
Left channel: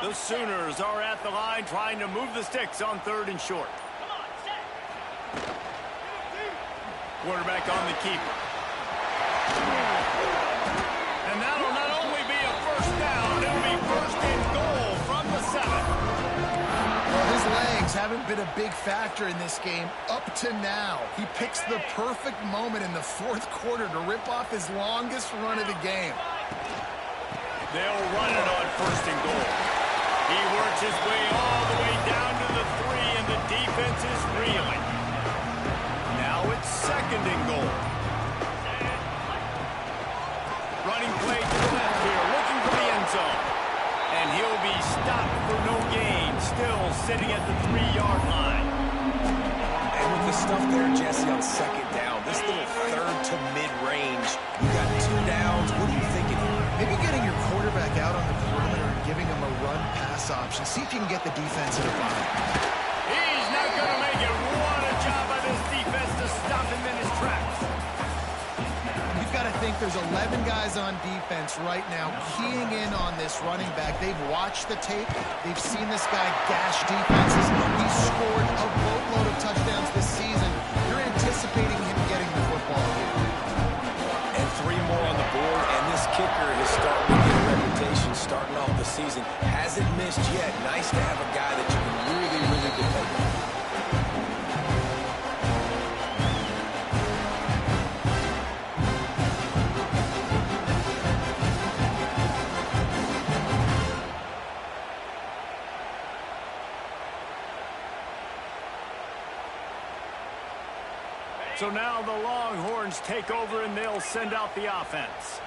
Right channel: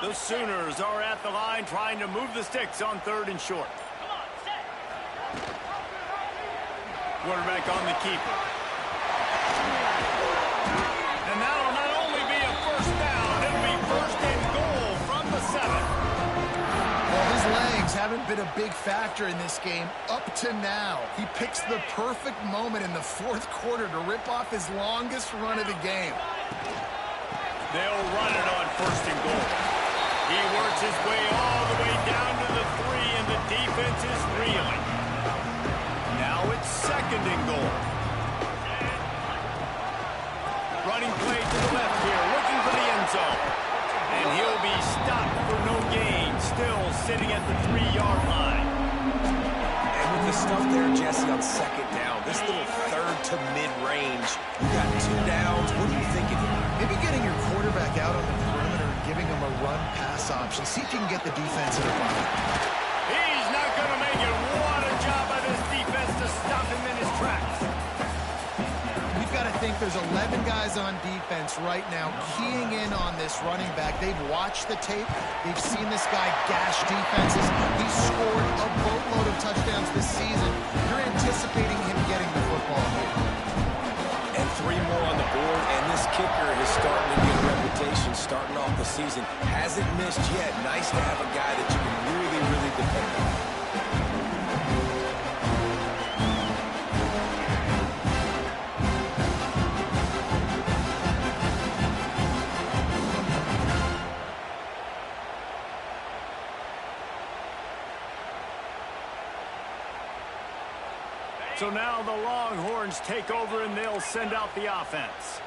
The Sooners are at the line trying to move the sticks on 3rd and short. Quarterback on the keeper. And that'll not only be a first down, it'll be 1st and goal from the 7. Well, his legs haven't been a big factor in this game up to now. He picks the perfect moment in the 4th quarter to rip off his longest run of the game. They'll run it on 1st and goal. He works his way all the way down to the 3, and the defense is reeling. Now it's 2nd and goal. Running play to the left here, looking for the end zone. And he'll be stopped for no gain, still sitting at the 3-yard line. And with the stuff there, Jesse, on 2nd down, this little 3rd to mid-range, you got 2 downs. What are you thinking here? Maybe getting your quarterback out on the perimeter and giving him a run-pass option. See if you can get the defense in a bind. He's not going to make it. What a job by this defense to stop him in his tracks. You've got to think there's 11 guys on defense right now keying in on this running back. They've watched the tape. They've seen this guy gash defenses. He's scored a boatload of touchdowns this season. You're anticipating him getting the football here. And 3 more on the board, and this kicker is starting to get a reputation starting off the season. Hasn't missed yet. Nice to have a guy that you can really, really depend on. So now the Longhorns take over and they'll send out the offense.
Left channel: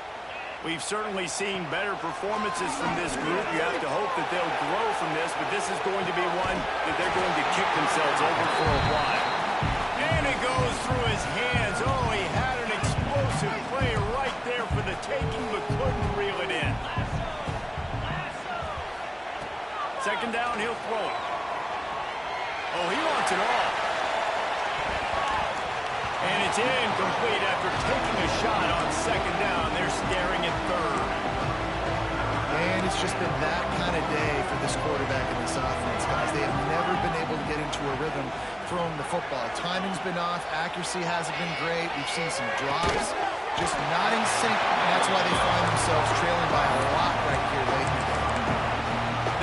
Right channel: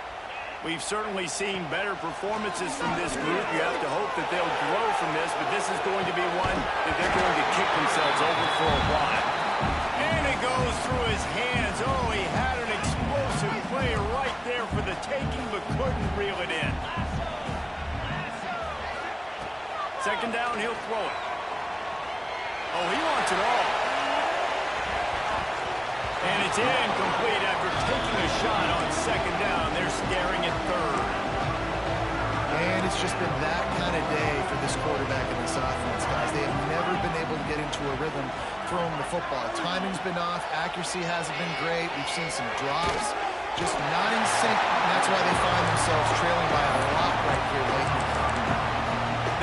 We've certainly seen better performances from this group. You have to hope that they'll grow from this, but this is going to be one that they're going to kick themselves over for a while. And it goes through his hands. Oh, he had an explosive play right there for the taking, but couldn't reel it in. 2nd down, he'll throw it. Oh, he wants it all. And it's incomplete after taking a shot on 2nd down. They're staring at 3rd. And it's just been that kind of day for this quarterback and this offense, guys. They have never been able to get into a rhythm throwing the football. Timing's been off. Accuracy hasn't been great. We've seen some drops, just not in sync. And that's why they find themselves trailing by a lot right here late in the game.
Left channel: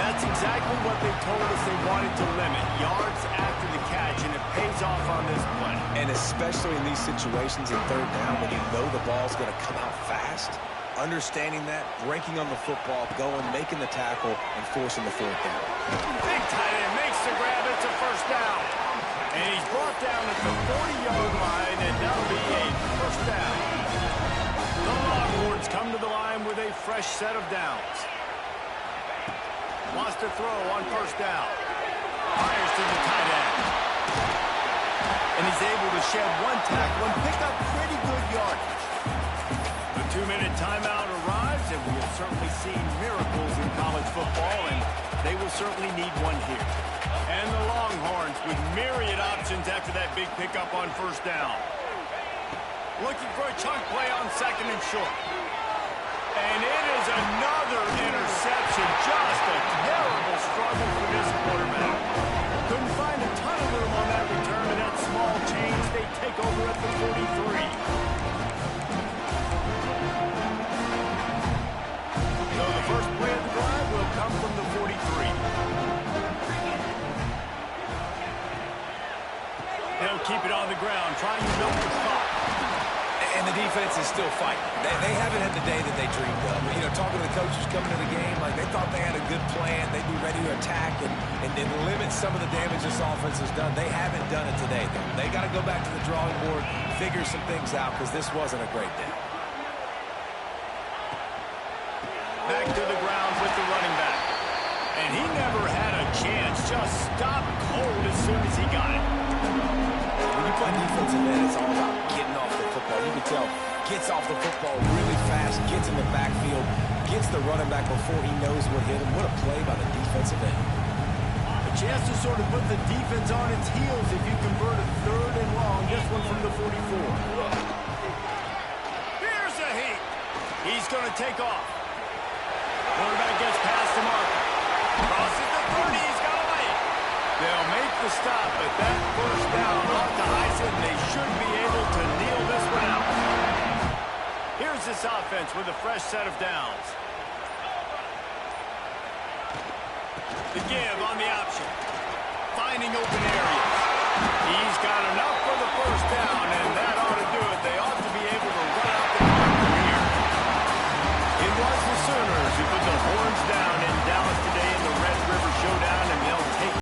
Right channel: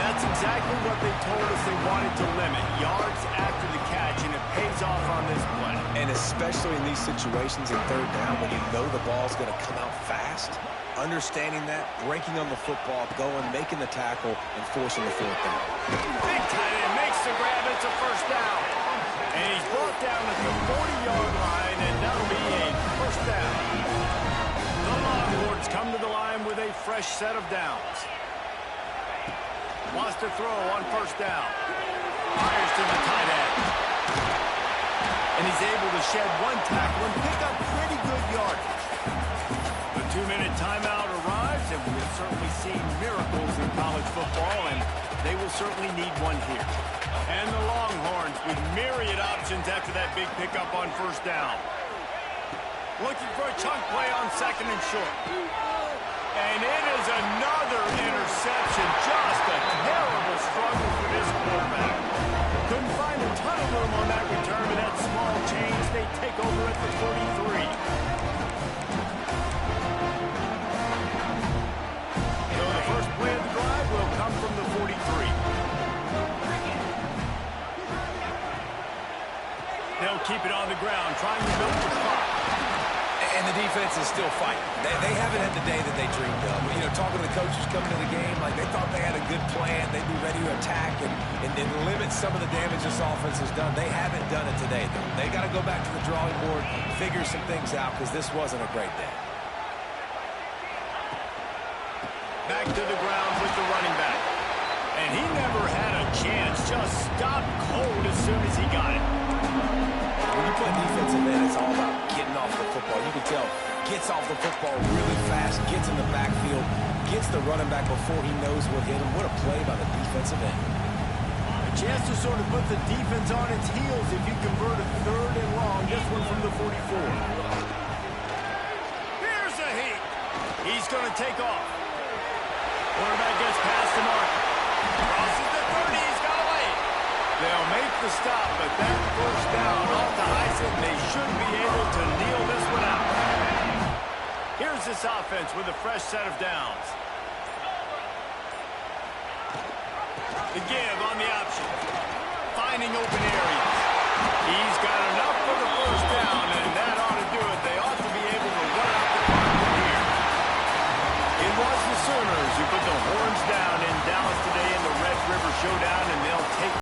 That's exactly what they told us they wanted to limit. Yards after the catch, and it pays off on this play. And especially in these situations in 3rd down when you know the ball's going to come out fast, understanding that, breaking on the football, going, making the tackle, and forcing the 4th down. Big tight end makes the grab. It's a 1st down. And he's brought down at the 40-yard line, and that'll be a 1st down. The Longhorns come to the line with a fresh set of downs. Wants to throw on 1st down. Fires to the tight end. And he's able to shed 1 tackle and pick up pretty good yardage. The 2-minute timeout arrives, and we have certainly seen miracles in college football, and they will certainly need one here. And the Longhorns with myriad options after that big pickup on 1st down. Looking for a chunk play on 2nd and short. And it is another interception. Just a terrible struggle for this quarterback. Couldn't find a ton of room on that return, but that small change, they take over at the 43. So the first play of the drive will come from the 43. They'll keep it on the ground, trying to milk the clock. And the defense is still fighting. They haven't had the day that they dreamed of. You know, talking to the coaches coming to the game, like they thought they had a good plan. They'd be ready to attack and limit some of the damage this offense has done. They haven't done it today, though. They got to go back to the drawing board, figure some things out, because this wasn't a great day. Back to the ground with the running back. And he never had a chance. Just stopped cold as soon as he got it. When you play defensive end, it's all about getting off the football. You can tell gets off the football really fast, gets in the backfield, gets the running back before he knows what hit him. What a play by the defensive end. A chance to sort of put the defense on its heels if you convert a 3rd and long. This one from the 44. Here's a heat. He's going to take off. Quarterback gets past the marker. Crosses the 30. He's got a lane. They'll make the stop, but that first down off to Heisen, and they should be able to kneel this one out. Here's this offense with a fresh set of downs. The give on the option. Finding open areas. He's got enough for the first down, and that ought to do it. They ought to be able to run out the clock from here. It was the Sooners who put the horns down in Dallas today in the Red River Showdown, and they'll take